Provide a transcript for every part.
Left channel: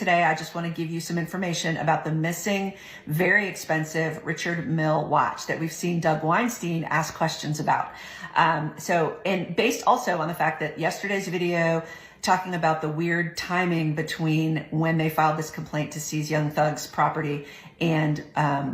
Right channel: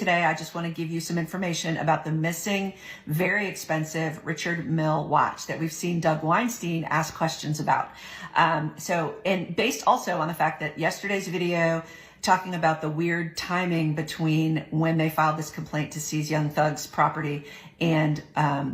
Today, I just want to give you some information about the missing, very expensive Richard Mille watch that we've seen Doug Weinstein ask questions about. And based also on the fact that yesterday's video talking about the weird timing between when they filed this complaint to seize Young Thug's property and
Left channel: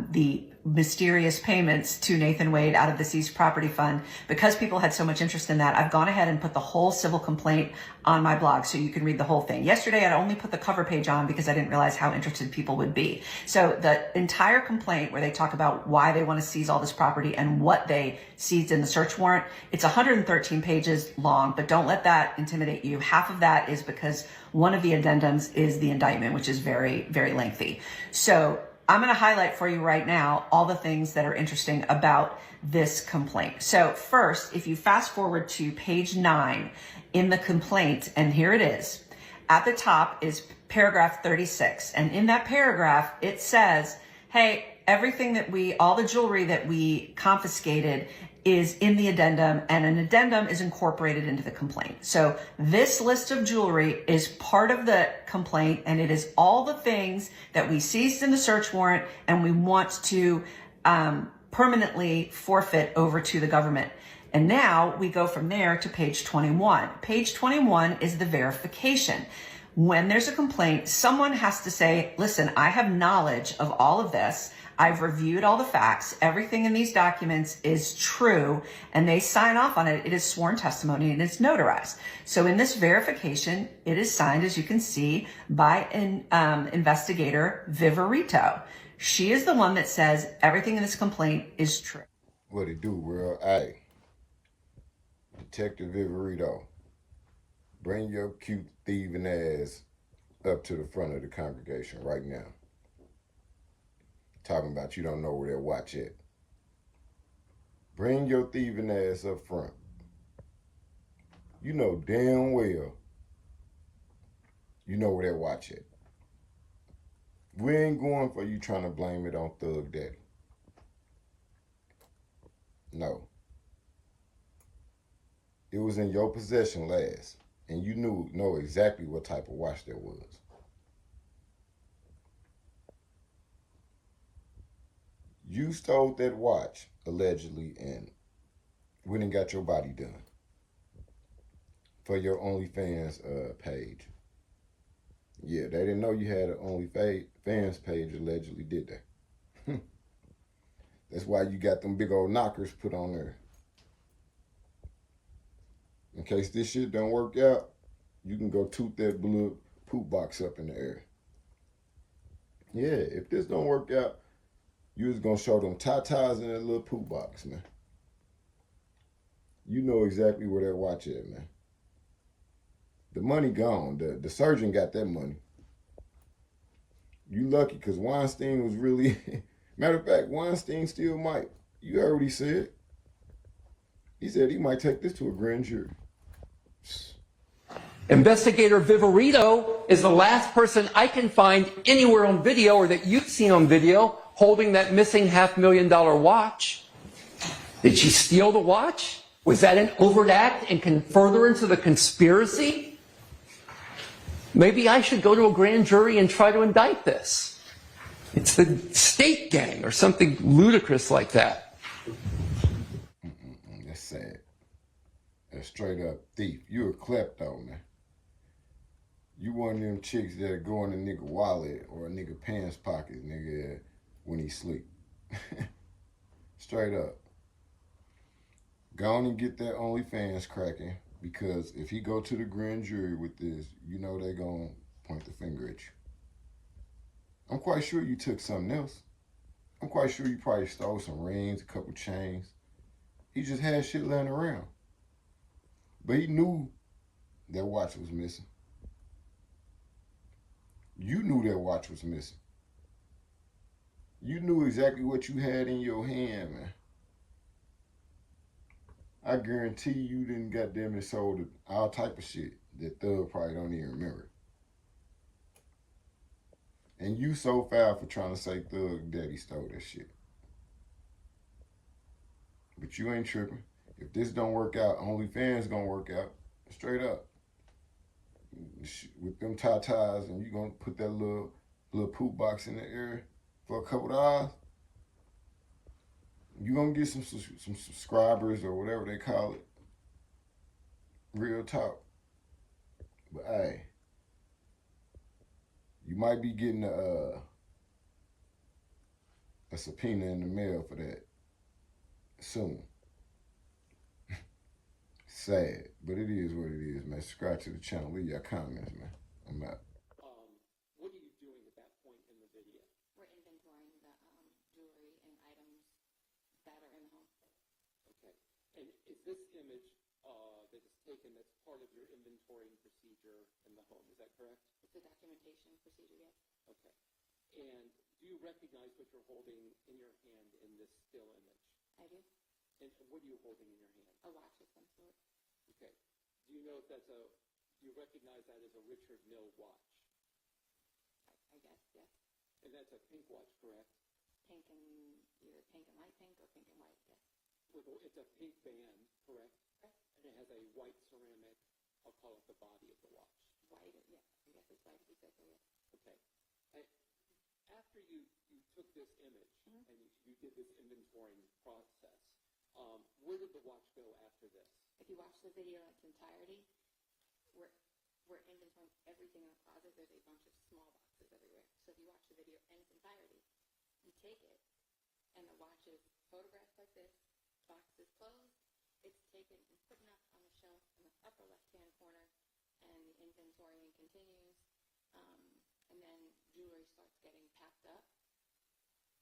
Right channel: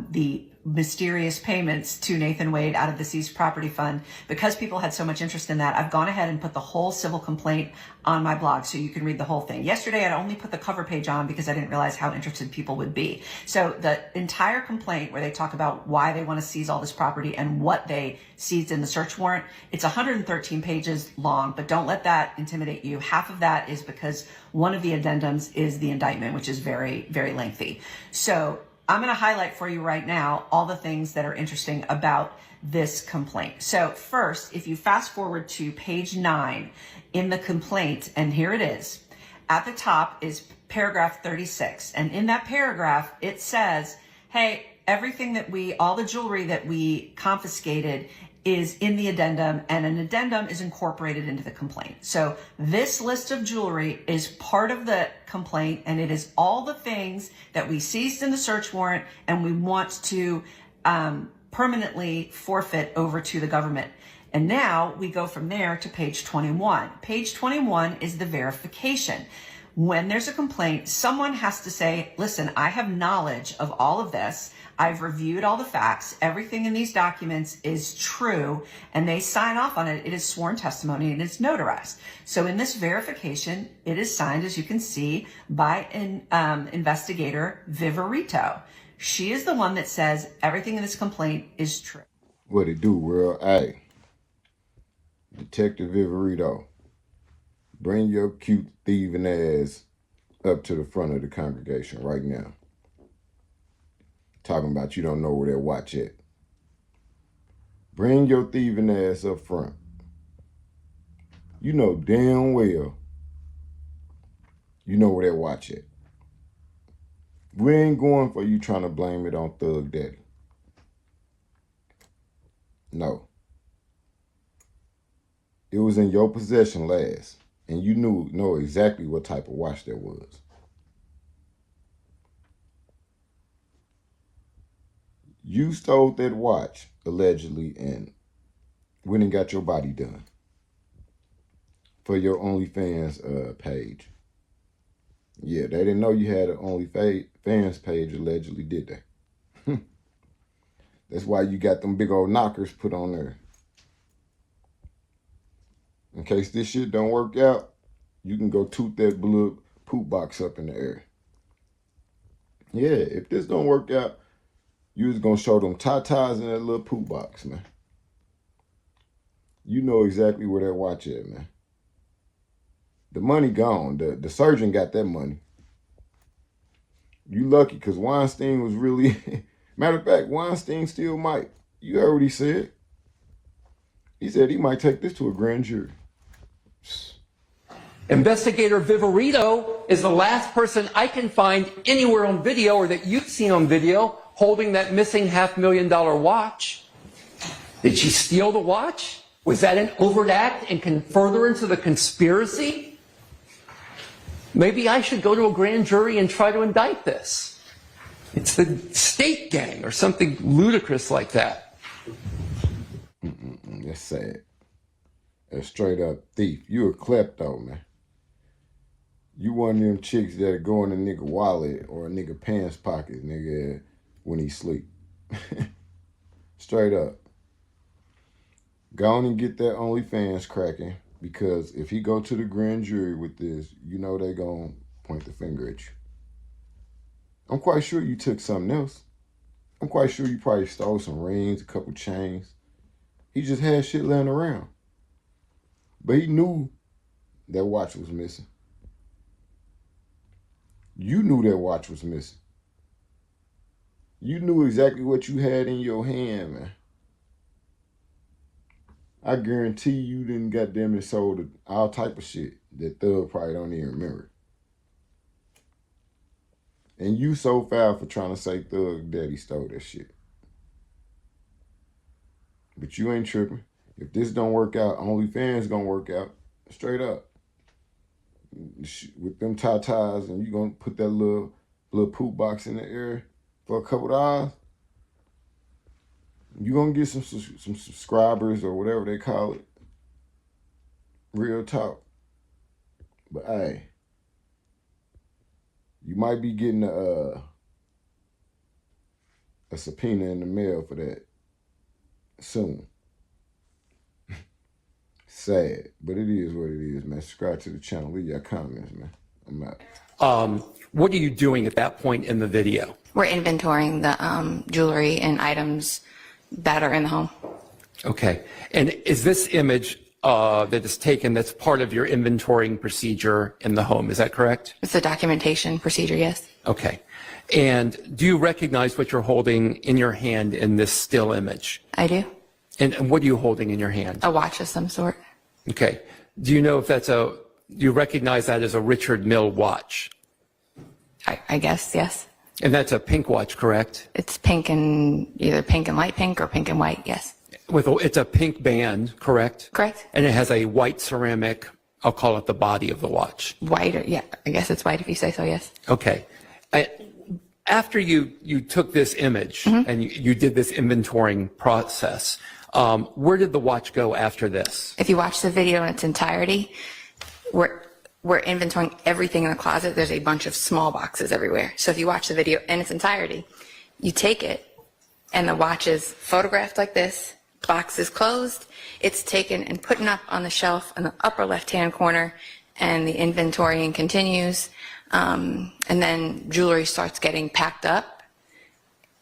the mysterious payments to Nathan Wade out of the seized property fund. Because people had so much interest in that, I've gone ahead and put the whole civil complaint on my blog so you can read the whole thing. Yesterday, I'd only put the cover page on because I didn't realize how interested people would be. So the entire complaint where they talk about why they want to seize all this property and what they seized in the search warrant, it's 113 pages long, but don't let that intimidate you. Half of that is because one of the addendums is the indictment, which is very, very lengthy. So I'm going to highlight for you right now all the things that are interesting about this complaint. So first, if you fast forward to page 9 in the complaint, and here it is, at the top is paragraph 36. And in that paragraph, it says, hey, all the jewelry that we confiscated is in the addendum, and an addendum is incorporated into the complaint. So this list of jewelry is part of the complaint, and it is all the things that we seized in the search warrant and we want to permanently forfeit over to the government. And now we go from there to page 21. Page 21 is the verification. When there's a complaint, someone has to say, listen, I have knowledge of all of this. I've reviewed all the facts. Everything in these documents is true, and they sign off on it. It is sworn testimony and it's notarized. So in this verification, it is signed, as you can see, by an investigator, Viverito. She is the one that says everything in this complaint is true. What it do, world? Hey, Detective Viverito, bring your cute thieving ass up to the front of the congregation right now. Talking about you don't know where that watch at. Bring your thieving ass up front. You know damn well you know where that watch at. We ain't going for you trying to blame it on Thug Daddy. No. It was in your possession last, and you know exactly what type of watch that was. You stole that watch, allegedly, and went and got your body done for your OnlyFans page. Yeah, they didn't know you had an OnlyFans page, allegedly, did they? That's why you got them big old knockers put on there. In case this shit don't work out, you can go toot that blue poop box up in the air. Yeah, if this don't work out, you was gonna show them tatas in that little poop box, man. You know exactly where that watch is, man. The money gone. The surgeon got that money. You lucky, because Weinstein was really... Matter of fact, Weinstein still might. You heard what he said. He said he might take this to a grand jury. Investigator Viverito is the last person I can find anywhere on video, or that you've seen on video, holding that missing $500,000 watch. Did she steal the watch? Was that an overt act and can further into the conspiracy? Maybe I should go to a grand jury and try to indict this. It's the state gang or something ludicrous like that. That's sad. That's straight up thief. You a klepto, man. You one of them chicks that go in a nigga wallet or a nigga pants pocket, nigga, when he sleep. Straight up. Go on and get that OnlyFans cracking, because if he go to the grand jury with this, you know they gonna point the finger at you. I'm quite sure you took something else. I'm quite sure you probably stole some rings, a couple chains. He just had shit laying around. But he knew that watch was missing. You knew that watch was missing. You knew exactly what you had in your hand, man. I guarantee you didn't goddamn it sold all type of shit that Thug probably don't even remember. And you so foul for trying to say Thug Daddy stole that shit. But you ain't tripping. If this don't work out, OnlyFans gonna work out. Straight up. with them tatas, and you gonna put that little poop box in the air for a couple of hours, you gonna get some subscribers or whatever they call it. Real talk. But hey, you might be getting a subpoena in the mail for that soon. Sad, but it is what it is, man. Subscribe to the channel. Leave your comments, man. I'm out. What are you doing at that point in the video? We're inventorying the jewelry and items that are in the home. Okay. And is this image that is taken that's part of your inventorying procedure in the home? Is that correct? It's a documentation procedure, yes. Okay. And do you recognize what you're holding in your hand in this still image? I do. And what are you holding in your hand? A watch of some sort. Okay. Do you know if do you recognize that as a Richard Mille watch? I guess, yes. And that's a pink watch, correct? It's pink and either pink and light pink or pink and white, yes. It's a pink band, correct? Correct. And it has a white ceramic, I'll call it the body of the watch. White, or, yeah, I guess it's white if you say so, yes. Okay. After you took this image and you did this inventorying process, where did the watch go after this? If you watch the video in its entirety, we're inventorying everything in the closet. There's a bunch of small boxes everywhere. So if you watch the video in its entirety, you take it and the watch is photographed like this, box is closed, it's taken and put up on the shelf in the upper left-hand corner, and the inventorying continues. And then jewelry starts getting packed up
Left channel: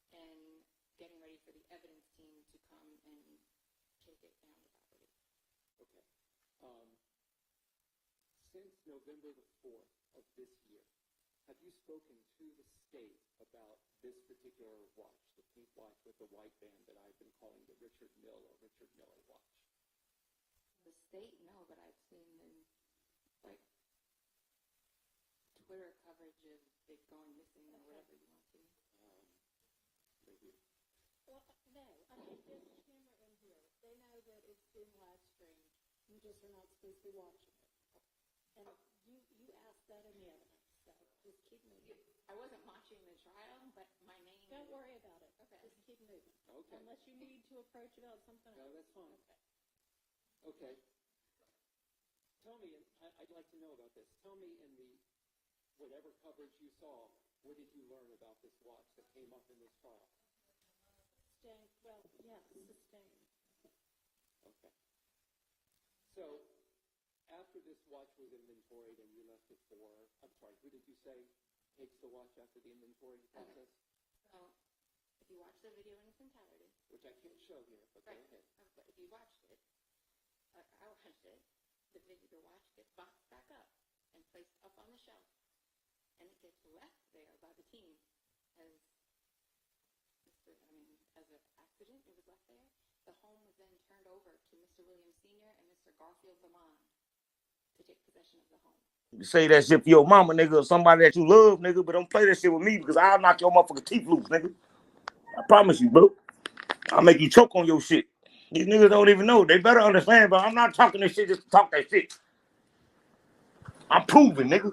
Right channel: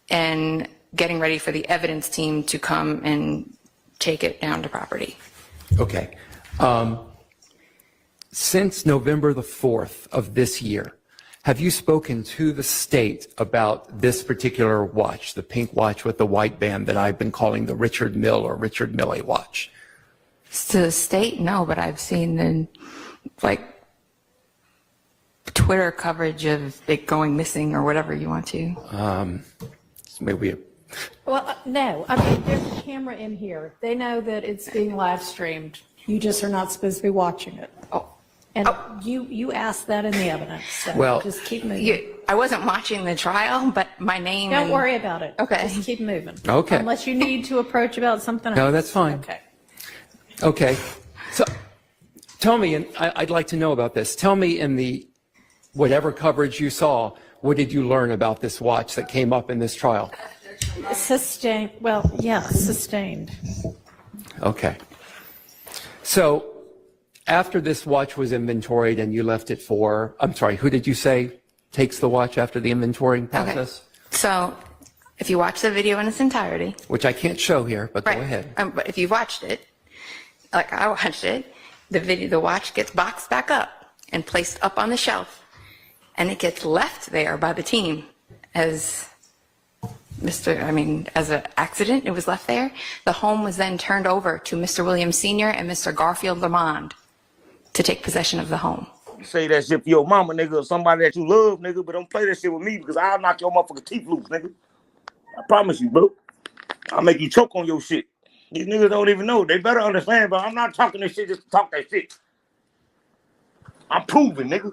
and getting ready for the evidence team to come and take it down to property. Okay. Since November the 4th of this year, have you spoken to the state about this particular watch, the pink watch with the white band that I've been calling the Richard Mille or Richard Mille watch? To the state, no, but I've seen the, Twitter coverage of it going missing or whatever you want to. Maybe. Well, no, I mean, there's a camera in here. They know that it's being live streamed. You just are not supposed to be watching it. Oh. And you asked that in the evidence, so Well, just keep moving. I wasn't watching the trial, but my name. Don't worry about it. Okay. Just keep moving. Okay. Unless you need to approach about something else. No, that's fine. Okay. Okay. So tell me, and I'd like to know about this. Tell me in the whatever coverage you saw, what did you learn about this watch that came up in this trial? Sustained, well, yeah, sustained. Okay. So after this watch was inventoried and you left it who did you say takes the watch after the inventorying process? Okay. So if you watch the video in its entirety. Which I can't show here, but Right. go ahead. But if you watched it, like I watched it, the watch gets boxed back up and placed up on the shelf, and it gets left there by the team as as an accident. It was left there. The home was then turned over to Mr. Williams Sr. and Mr. Garfield Lamond to take possession of the home. You say that shit for your mama, nigga, or somebody that you love, nigga, but don't play that shit with me because I'll knock your motherfucking teeth loose, nigga. I promise you, bro. I'll make you choke on your shit. These niggas don't even know. They better understand, but I'm not talking this shit just to talk that shit. I'm proving, nigga.